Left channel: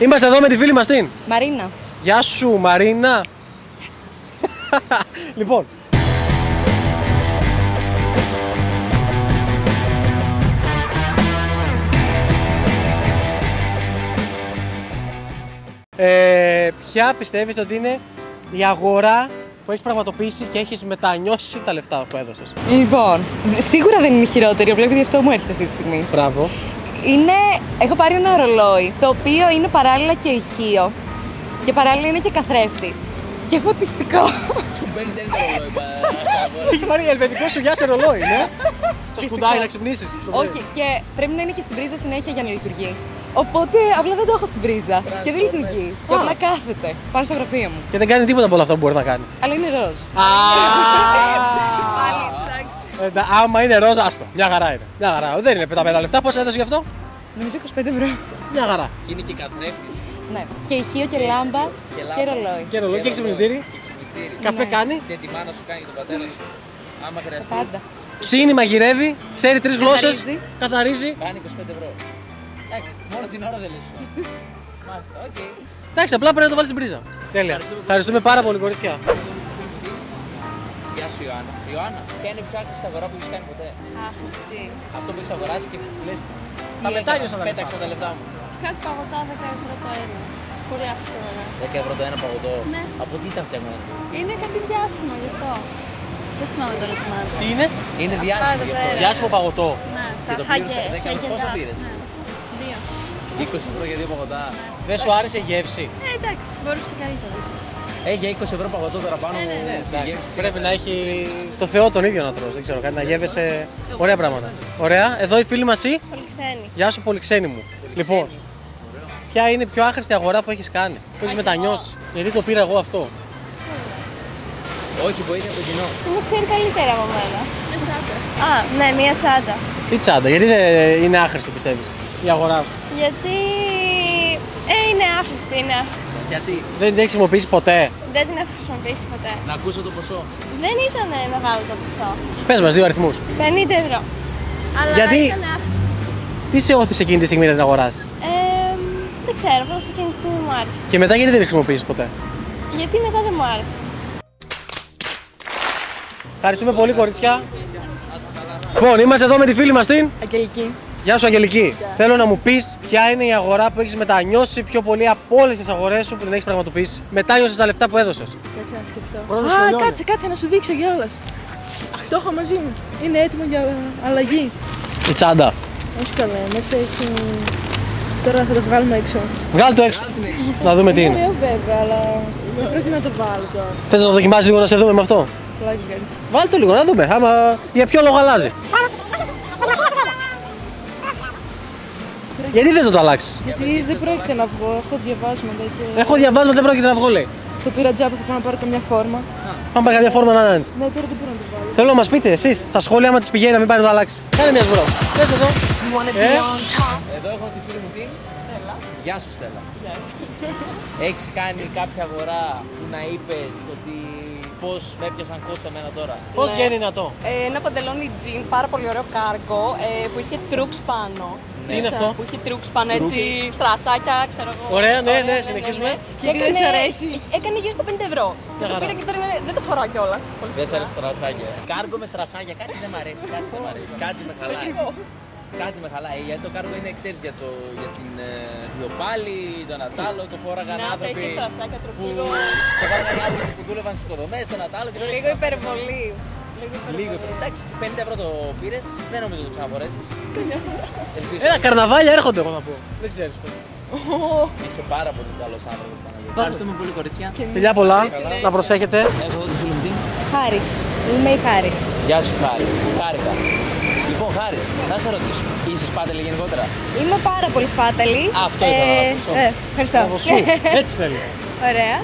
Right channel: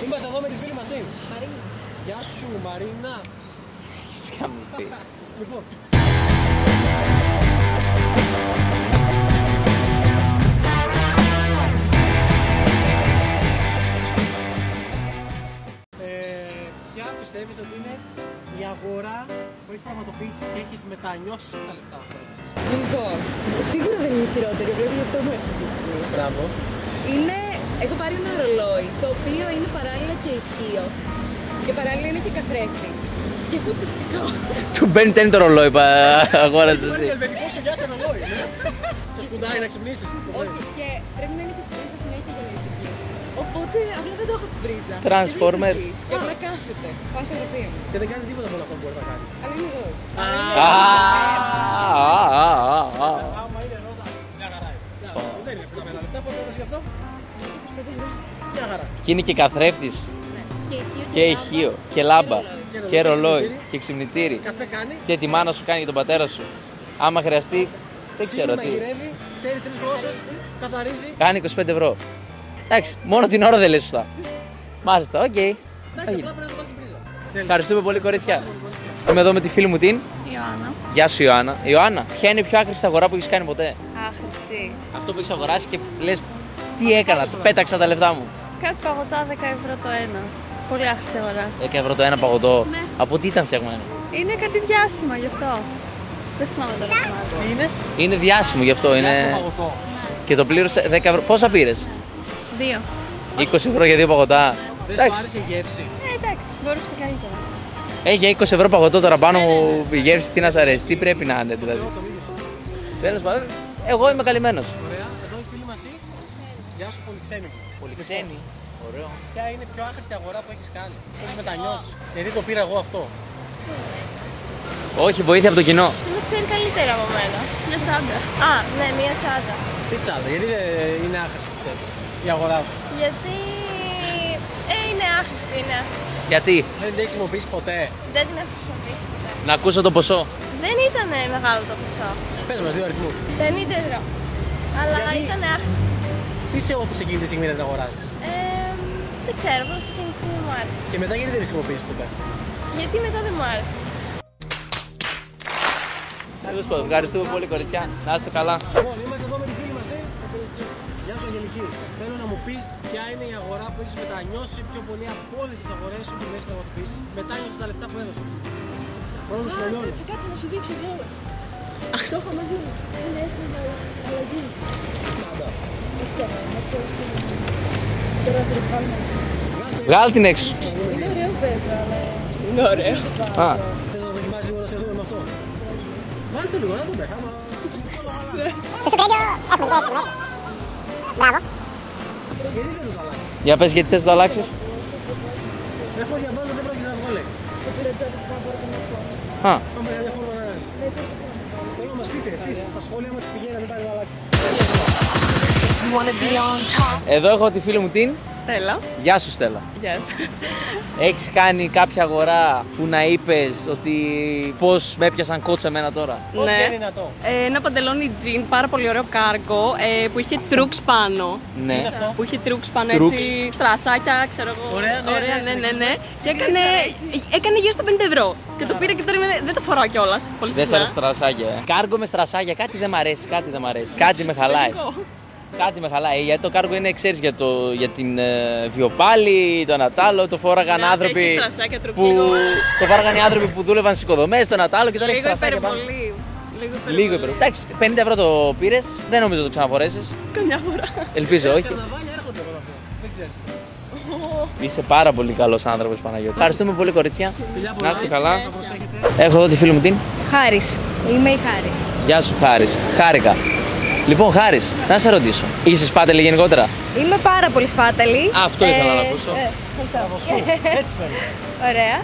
Είμαστε εδώ με τη φίλη μας την Μαρίνα. Γεια σου Μαρίνα. Λοιπόν, ποια πιστεύεις ότι είναι η αγορά που έχεις πραγματοποιήσει και έχεις μετανιώσει τα λεφτά που έδωσες? Λοιπόν, σίγουρα δεν είναι η χειρότερη, επειδή αυτό μου έρχεται αυτή τη στιγμή. Μπράβο. Έχω πάρει ένα ρολόι, το οποίο είναι παράλληλα και ηχείο και παράλληλα είναι και καθρέφτης και φωτιστικό. Του μπαίνει τένει το ρολόι, αγόρασε. Έχει πάρει ελβετικό σου για σε ρολόι, ναι. Στο σκουτάκι να ξυπνήσεις. Όχι, και πρέπει να είναι και στην πρίζα συνέχεια για να λειτουργεί. Οπότε απλά δεν το έχω στην πρίζα. Transformers. Και απλά κάθεται πάνω στο γραφείο μου. Και δεν κάνει τίποτα από όλα αυτά που μπορεί να κάνει. Αλλά είναι ροζ. Άμα είναι ροζ, άστο. Μια χαρά είναι. Μια χαρά. Δεν είναι πεταμένα λεφτά. Πώς έδωσε γι' αυτό? Νομίζω 25 ευρώ. Μια χαρά. Και είναι και καθρέφτης. Ναι. Και ηχείο Και ηχείο. Και λάμπα. Και ρολόι. Και ξυπνητήρι. Καφέ κάνει. Και τη μάνα σου κάνει και τον πατέρα σου. Άμα χρειαστεί. Ψήνει, μαγειρεύει, ξέρει 3 γλώσσες, καθαρίζει. Κάνει 25 ευρώ. Εντάξει, μόνο την ώρα δεν λες σωστά. Μάλιστα, οκ. Εντάξει, απλά πρέπει να το βάλεις στην πρίζα. Ευχαριστούμε πάρα πολύ, κορίτσια. Είμαι εδώ με τη φίλη μου την Ιωάννα. Γεια σου, Ιωάννα. Ιωάννα, ποια είναι η πιο άχρηστη αγορά που έχεις κάνει ποτέ? Άχρηστη. Αυτό που έχεις αγοράσει και λες τι έκανα, πέταξα τα λεφτά μου. Κάτι παγωτά 10 ευρώ το ένα. Πολύ άχρηστη αγορά. 10 ευρώ το ένα παγωτό. Ναι. Από τι ήταν φτιαγμένο? Είναι κάτι διάσημο γι' αυτό. Δεν θυμάμαι τώρα το μάρκο. Τι είναι? Είναι διάσημο γι' αυτό. Διάσημο παγωτό. Ναι. Και το πλήρωσε 10 ευρώ. Πόσα πήρες? 2. 20 ευρώ για 2 παγωτά. Δεν σου άρεσε η γεύση? Εντάξει, μπορούσε και καλύτερα. Έχει 20 ευρώ παγωτό τώρα πάνω μου. Η γεύση τι να σ' αρέσει, τι πρέπει να είναι. Το Θεό τον ίδιο να τρως, δεν ξέρω, κάτι να γεύεσαι. Εγώ είμαι καλυμμένος. Ωραία, εδώ η φίλη μας η. Πολυξένη. Γεια σου, πολυξένη μου. Λοιπόν, ποια είναι η πιο άχρηστη αγορά που έχεις κάνει, που έχεις μετανιώσει? Γιατί το πήρα εγώ αυτό? Όχι, βοήθεια από το κοινό. Μου ξέρει καλύτερα από μένα. Μια τσάντα. Α, ναι, μια τσάντα. Τι τσάντα, γιατί δεν είναι άχρηστη πιστεύεις η αγορά σου? Γιατί είναι άχρηστη, είναι άχρηστη. Γιατί? Δεν την έχεις χρησιμοποιήσει ποτέ? Δεν την έχω χρησιμοποιήσει ποτέ. Να ακούσω το ποσό. Δεν ήταν μεγάλο το ποσό. Πες μας 2 αριθμούς. 50 ευρώ. Αλλά Γιατί? ήταν άχρηστη. Τι σε όθησε εκείνη τη στιγμή να την αγοράσεις? Δεν ξέρω, απλώς εκείνη τη στιγμή μου άρεσε. Και μετά γιατί δεν την χρησιμοποιήσεις ποτέ? Γιατί μετά δεν μου άρεσε. Ευχαριστούμε πολύ, κοριτσιά. Να είστε καλά. Λοιπόν, είμαστε εδώ με τη φίλη μας την Αγγελική. Γεια σου, Αγγελική. Θέλω να μου πεις ποια είναι η αγορά που έχεις μετανιώσει πιο πολύ από όλες τις αγορές σου που δεν έχεις πραγματοποιήσει. Μετάνιωσες τα λεφτά που έδωσες. Κάτσε να σου δείξω κιόλας. Το έχω μαζί μου. Είναι έτοιμο για αλλαγή. Η τσάντα. Όχι καλά, μέσα έχει. Τώρα θα το βγάλουμε έξω. Βγάλ' το έξω. Βγάλ' την έξω. Να δούμε τι είναι. Βέβαια, αλλά. Πρέπει να το πάρω. Θες να το δοκιμάσεις λίγο να σε δούμε με αυτό? Βάλ' το λίγο να δούμε. Άμα για ποιο λόγο αλλάζει. Γιατί θες να το αλλάξεις? Για πες γιατί θες να το αλλάξεις. Έχω διαβάσματα και. Έχω διαβάσμα, δεν πρόκειται να βγω, λέει. Το πήρα τζάμπα, θα πάω να πάρω καμιά φόρμα. Αν πάει καμιά φόρμα να είναι. Ναι, τώρα δεν μπορώ να το βάλω. Θέλω να μας πείτε εσείς στα σχόλια άμα τις πηγαίνει να μην πάει να το αλλάξει. Κάνε μια φορά. Εδώ έχω τη φίλη μου την Στέλλα. Γεια σου, Στέλλα. Γεια σας. Έχεις κάνει κάποια αγορά που να είπες ότι πώς με έπιασαν κότσο εμένα τώρα? Ό,τι είναι δυνατό. Ένα παντελόνι τζιν, πάρα πολύ ωραίο κάργο, που είχε τρούξ πάνω. Τι είναι αυτό? Που είχε τρούξ πάνω, έτσι, στρασάκια, ξέρω εγώ. Ωραία, ναι. Και έκανε γύρω στα 50 ευρώ. Και το πήρα και τώρα δεν το φοράω κιόλας. Πολύ Δεν σ' συχνά. αρέσει στρασάκια. Κάργο με στρασάκια, κάτι δεν μ' αρέσει, κάτι δεν μ' αρέσει. Κάτι με χαλάει. Κάτι με χαλάει. Γιατί το κάργο είναι, ξέρεις, για την βιοπάλη, το Νατάλο, το φόραγαν άνθρωποι. Έχει στρασάκια, τρούξ. Το φόραγαν οι άνθρωποι που δούλευαν στις οικοδομές, το Νατάλο και τώρα έχει Λίγο στρασάκια. υπερβολή. Λίγο υπερβολή. Εντάξει, 50 ευρώ το πήρες, δεν νομίζω το ξαναφορέσεις. Καμιά φορά. Ελπίζω. όχι. Καρναβάλια έρχονται, εγώ να πω. Δεν ξέρεις. Είσαι πάρα πολύ καλός άνθρωπος, Παναγιώτη. Ευχαριστούμε πολύ, κορίτσια. Φιλιά πολλά, Να είστε καλά. να προσέχετε. Έχω εδώ τη φίλη μου την. Χάρης. Είμαι η Χάρης. Γεια σου, Χάρης. Χάρηκα. Λοιπόν, Χάρης, να σε ρωτήσω. Είσαι σπάτελη γενικότερα? Είμαι πάρα πολύ σπάταλη. Αυτό ήθελα να ακούσω. Ευχαριστώ. Έτσι είναι λίγο. Ωραία.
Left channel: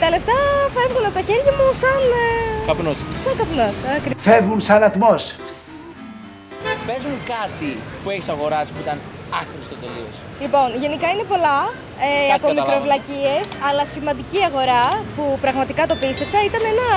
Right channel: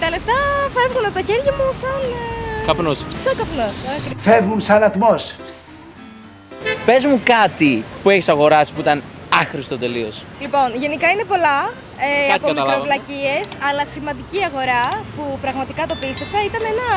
Τα λεφτά φεύγουν από τα χέρια μου σαν. Καπνός. Σαν καπνός. Φεύγουν σαν ατμός. Πες μου κάτι που έχεις αγοράσει που ήταν άχρηστο τελείως. Λοιπόν, γενικά είναι πολλά από καταλάβαμε. μικροβλακίες, αλλά σημαντική αγορά που πραγματικά το πίστεψα ήταν ένα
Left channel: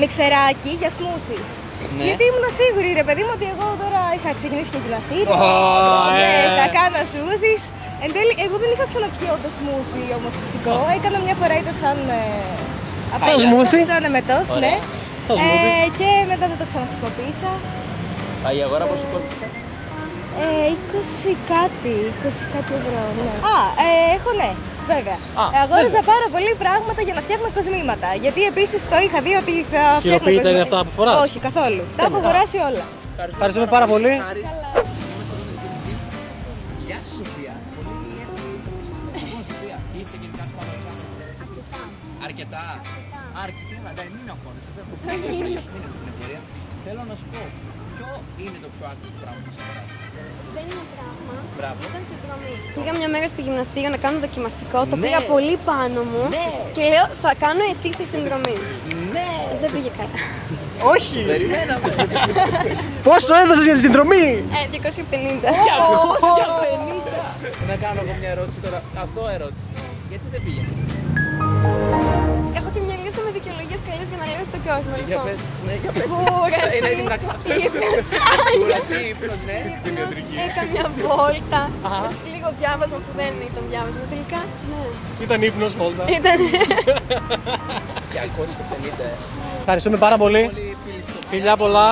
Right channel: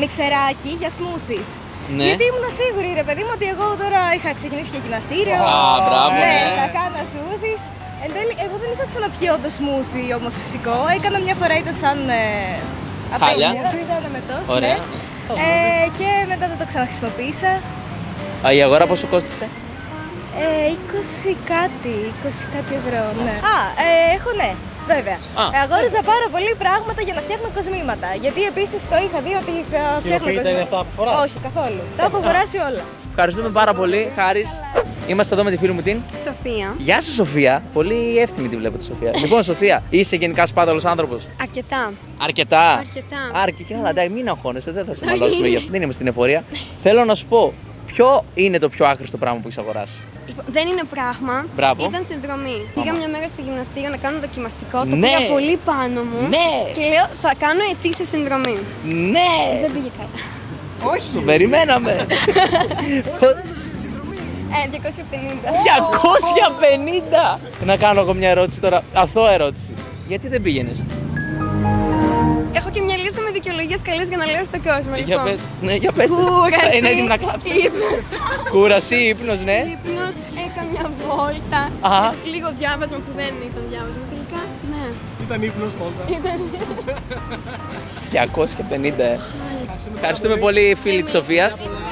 μιξεράκι για smoothies. Ναι. Γιατί ήμουν σίγουρη, ρε παιδί μου, ότι εγώ τώρα είχα ξεκινήσει και γυμναστήριο. μπράβο. Ναι, θα κάνω smoothies. Εν τέλει, εγώ δεν είχα ξαναπιεί όντως σμούθι όμως φυσικό. Έκανα μια φορά, ήταν σαν. Σαν εμετός, ναι. Και μετά δεν το ξαναχρησιμοποίησα. Η αγορά πόσο κόστησε? 20 κάτι ευρώ, ναι. Έχω, ναι, βέβαια. Αγόριζα πάρα πολύ πράγματα για να φτιάχνω κοσμήματα. Γιατί επίσης το είχα δει ότι θα φτιάχνω. Κοινοποιείται είναι αυτά που φοράς? Όχι, καθόλου. Τα έχω αγοράσει όλα. Ευχαριστούμε πάρα πολύ. Χάρης. Είμαστε εδώ με τη φίλη μου την Σοφία. Γεια σου, Σοφία. Πολύ εύθυμη τη βλέπω τη Σοφία. Λοιπόν, Σοφία, είσαι γενικά σπάταλος άνθρωπος? Αρκετά. Αρκετά. Αρκετά. Καλά, μην αγχώνεσαι, δεν θα σε μαλώσουμε γι' αυτό. Δεν είμαστε στην εφορία. Θέλω να σου πω, ποιο είναι το πιο άχρηστο πράγμα που έχεις αγοράσει? Δεν είναι πράγμα. Μπράβο. Ήταν συνδρομή. Πήγα μια μέρα στο γυμναστήριο να κάνω δοκιμαστικό. Το πήγα πολύ πάνω μου. Ναι. Και λέω θα κάνω ετήσια συνδρομή. Ναι. Δεν πήγε καλά. Όχι! Περιμέναμε. Πόσο έδωσες για τη συνδρομή? 250. 250! Να κάνω εγώ μια ερώτηση τώρα, αθώα ερώτηση. Γιατί δεν πήγαινες? Έχω και μια λίστα με δικαιολογίες καλές για να λέω στον κόσμο. Για πες, ναι, για πες. Κούραση. Είναι έτοιμη να κλάψεις. Ύπνος. Κούραση, ύπνος, ναι. Ύπνος, έκανα μια βόλτα. Α. Λίγο διάβασμα που δεν ήταν διάβασμα τελικά. Ναι. Ήταν ύπνος όλα. Ήταν. 250. Ευχαριστούμε πάρα πολύ φίλη της Σοφίας. Πολλά πολλά.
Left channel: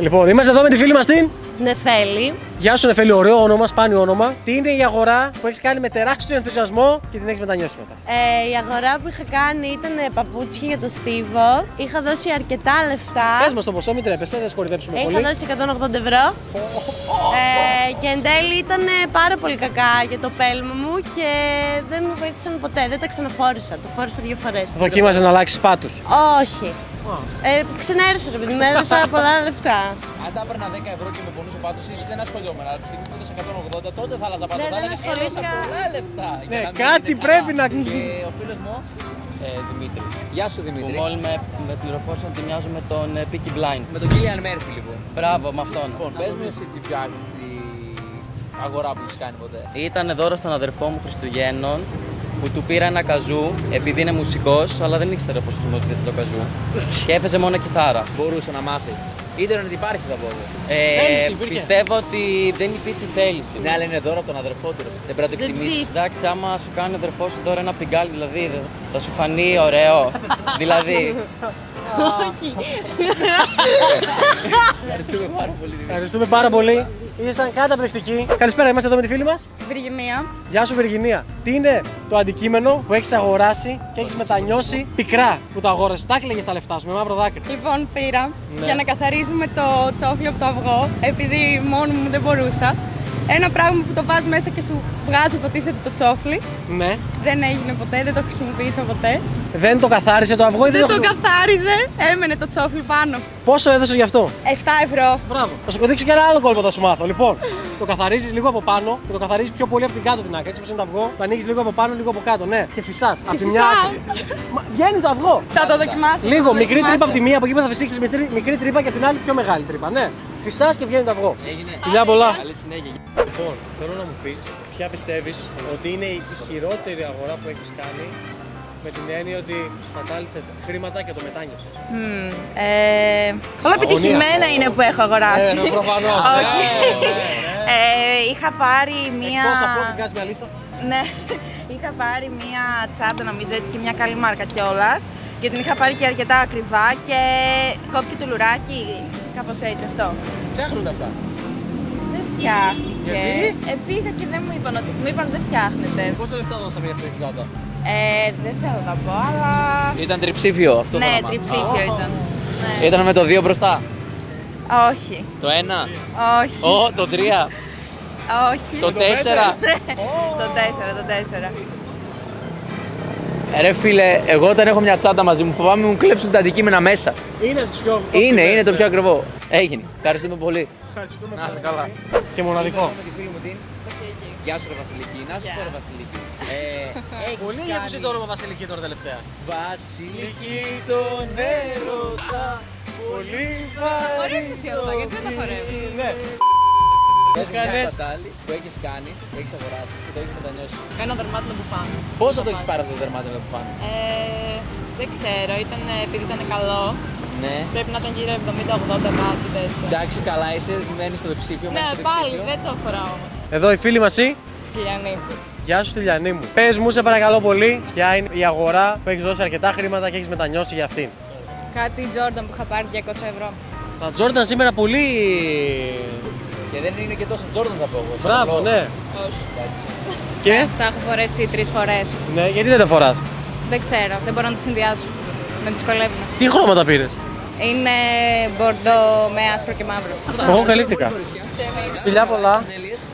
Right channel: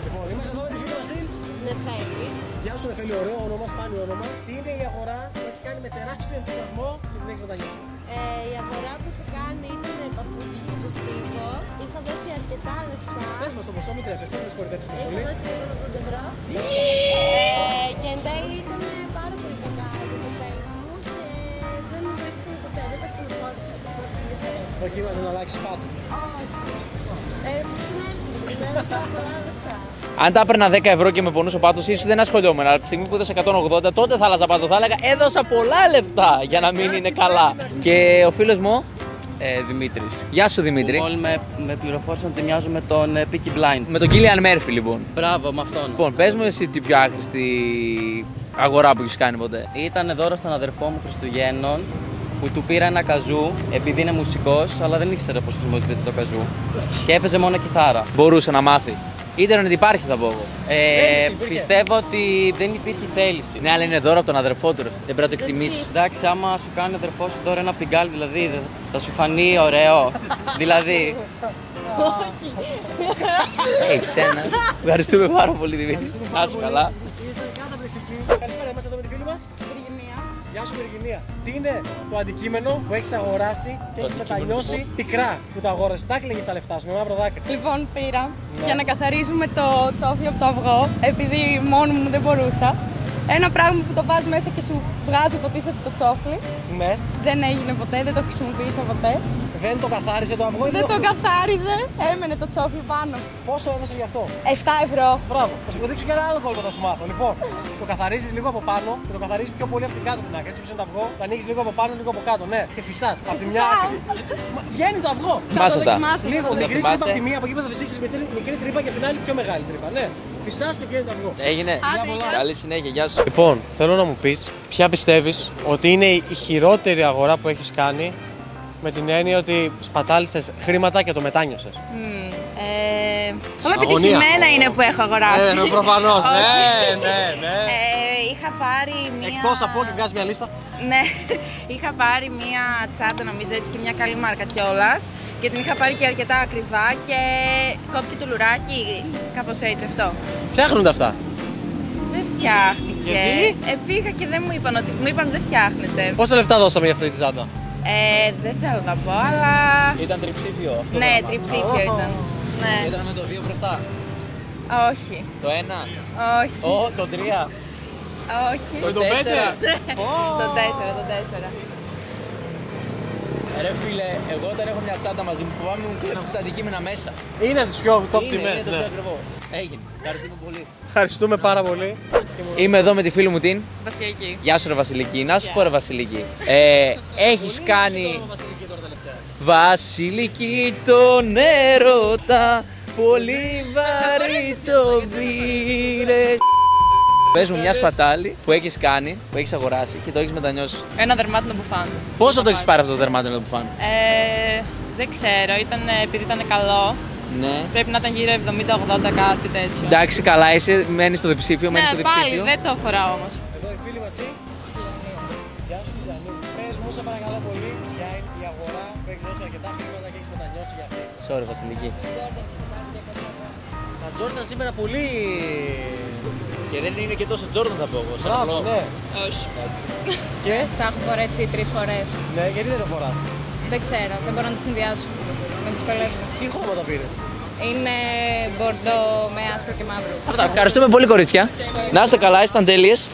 Λοιπόν, είμαστε εδώ με τη φίλη μας την Νεφέλη. Γεια σου Νεφέλη, ωραίο όνομα, σπάνιο όνομα. Τι είναι η αγορά που έχεις κάνει με τεράστιο ενθουσιασμό και την έχεις μετανιώσει μετά? Η αγορά που είχα κάνει ήταν παπούτσια για το στίβο. Είχα δώσει αρκετά λεφτά. Πες μας το ποσό, μην τρέπεσαι, δεν σκορδέψουμε Είχα πολύ. δώσει 180 ευρώ. Και εν τέλει ήταν πάρα πολύ κακά για το πέλμα μου και δεν μου βοήθησαν ποτέ. Δεν τα ξαναφόρησα. Το φόρησα 2 φορές. Δοκίμαζες να αλλάξεις πάτους? Όχι. Ξενέρωσα το παιδί, με έδωσα πολλά λεφτά. Αν τα έπαιρνα 10 ευρώ και με πονούσε ο πάτος, ίσως δεν ασχολιόμουν. Αλλά τη στιγμή που έδωσα 180, τότε θα άλλαζα πάτο. Θα έλεγα έδωσα πολλά λεφτά για να μην είναι καλά. Και ο φίλος μου, Δημήτρης. Γεια σου Δημήτρη. Όλοι με πληροφόρησαν ότι μοιάζω με τον Peaky Blind. Με τον Κίλιαν Μέρφυ λοιπόν. Μπράβο, με αυτόν. Λοιπόν, πες μου εσύ την πιο άχρηστη αγορά που έχεις κάνει ποτέ? Ήταν δώρο στον αδερφό μου Χριστουγέννων που του πήρα ένα καζού επειδή είναι μουσικός, αλλά δεν ήξερε πώς χρησιμοποιείται το καζού και έπαιζε μόνο κιθάρα. Μπορούσε να μάθει. Ίντερνετ υπάρχει, θα πω. Πιστεύω ότι δεν υπήρχε θέληση. Ναι, αλλά είναι δώρο από τον αδερφό του. Δεν πρέπει να το εκτιμήσει. Εντάξει, άμα σου κάνει ο αδερφός σου τώρα ένα πιγκάλι, δηλαδή θα σου φανεί ωραίο. Δηλαδή. Ευχαριστούμε πάρα πολύ, Δημήτρη. Ευχαριστούμε πάρα πολύ. Ήσταν καταπληκτικοί. Καλησπέρα, είμαστε εδώ με τη φίλη μας. Βυργινία. Γεια σου Βυργινία. Τι είναι το αντικείμενο που έχεις αγοράσει και έχεις μετανιώσει πικρά που το αγόρασες? Τα έκλαιγες τα λεφτά σου με μαύρο δάκρυ. Λοιπόν, πήρα για να καθαρίζουμε το τσόφλι από το αυγό, επειδή μόνο μου δεν μπορούσα. Ένα πράγμα που το βάζεις μέσα και σου βγάζει υποτίθεται το τσόφλι. Ναι. Δεν έγινε ποτέ, δεν το χρησιμοποίησα ποτέ. Δεν το καθάρισε το αυγό ή Δεν το καθάριζε, έμενε το τσόφλι πάνω. Πόσο έδωσες γι' αυτό? 7 ευρώ. Μπράβο. Θα σου δείξω και ένα άλλο κόλπο θα σου μάθω. Λοιπόν, το καθαρίζεις λίγο από πάνω και το καθαρίζεις πιο πολύ από την κάτω την άκρη. Έτσι όπως είναι το αυγό, το ανοίγεις λίγο από πάνω, λίγο από κάτω. Ναι, και φυσάς. Από τη μια. Βγαίνει το αυγό. Θα το δοκιμάσω. Λίγο μικρή τρύπα από τη μία, από εκεί θα φυσήξεις μικρή τρύπα και από την άλλη πιο μεγάλη τρύπα. Ναι. Φυσάς και βγαίνει το αυγό. Έγινε. Φιλιά πολλά. Καλή συνέχεια, γεια σου. Λοιπόν, θέλω να μου πεις ποια πιστεύεις ότι είναι η χειρότερη αγορά που έχεις κάνει, με την έννοια ότι σπατάλησες χρήματα και το μετάνιωσες. Όλα επιτυχημένα είναι που έχω αγοράσει. Ναι, προφανώς. Είχα πάρει μία. Εκτός από ό,τι βγάζει μια λίστα. Ναι, είχα πάρει μία τσάντα νομίζω έτσι και μια καλή μάρκα κιόλας. Και την είχα πάρει και αρκετά ακριβά και κόπηκε το λουράκι, κάπως έτσι αυτό. Φτιάχνονται αυτά. Δεν φτιάχτηκε. Γιατί? Πήγα και δεν μου είπαν ότι μου είπαν δεν φτιάχνεται. Πόσα λεφτά δώσαμε για αυτή την τσάντα? Δεν θέλω να πω, αλλά. Ήταν τριψήφιο αυτό. Ναι, τριψήφιο ήταν. Ναι. Ήταν με το 2 μπροστά. Όχι. Το 1. Όχι. Το 3. Όχι. Το 4. Το 4. Ρε φίλε, εγώ όταν έχω μια τσάντα μαζί μου φοβάμαι μου κλέψουν τα αντικείμενα μέσα. Είναι τις πιο Είναι το πιο ακριβό. Έγινε. Ευχαριστούμε πολύ. Ευχαριστούμε πάρα πολύ. Είμαι εδώ με τη φίλη μου την Βασιλική. Γεια σου ρε Βασιλική. Να σου πω ρε Βασιλική. Έχεις κάνει Βασιλική τώρα τελευταία. Βασιλική τον έρωτα, πολύ βαρύ το πήρες. Πες μου μια σπατάλη που έχεις κάνει, που έχεις αγοράσει και το έχεις μετανιώσει. Ένα δερμάτινο μπουφάν. Πόσο το έχεις πάρει αυτό το δερμάτινο μπουφάν? Δεν ξέρω, επειδή ήταν καλό. Ναι. Πρέπει να ήταν γύρω 70-80 κάτι τέτοιο. Εντάξει, καλά είσαι, μένεις στο διψήφιο, μένεις στο διψήφιο. δεν το φοράω όμως. Εδώ η φίλη μας η Στυλιανή. Γεια σου, Στυλιανή μου. Πες μου, σε παρακαλώ πολύ, ποια είναι η αγορά που έχεις δώσει αρκετά χρήματα και έχεις μετανιώσει για αυτήν. Sorry, Βασιλική. Κάτι Jordan που είχα πάρει 200 ευρώ. Τα Jordan σήμερα πολύ. Και δεν είναι και τόσο Jordan θα πω εγώ. Μπράβο, ναι. Όχι. Και. Τα έχω φορέσει 3 φορές. Ναι, γιατί δεν τα φοράς? Δεν ξέρω, δεν μπορώ να τις συνδυάσω. Με δυσκολεύουν. Τι χρώματα πήρες? Είναι μπορντό με άσπρο και μαύρο. Ευχαριστούμε πολύ, κορίτσια. Να είστε καλά, ήσταν τέλειες.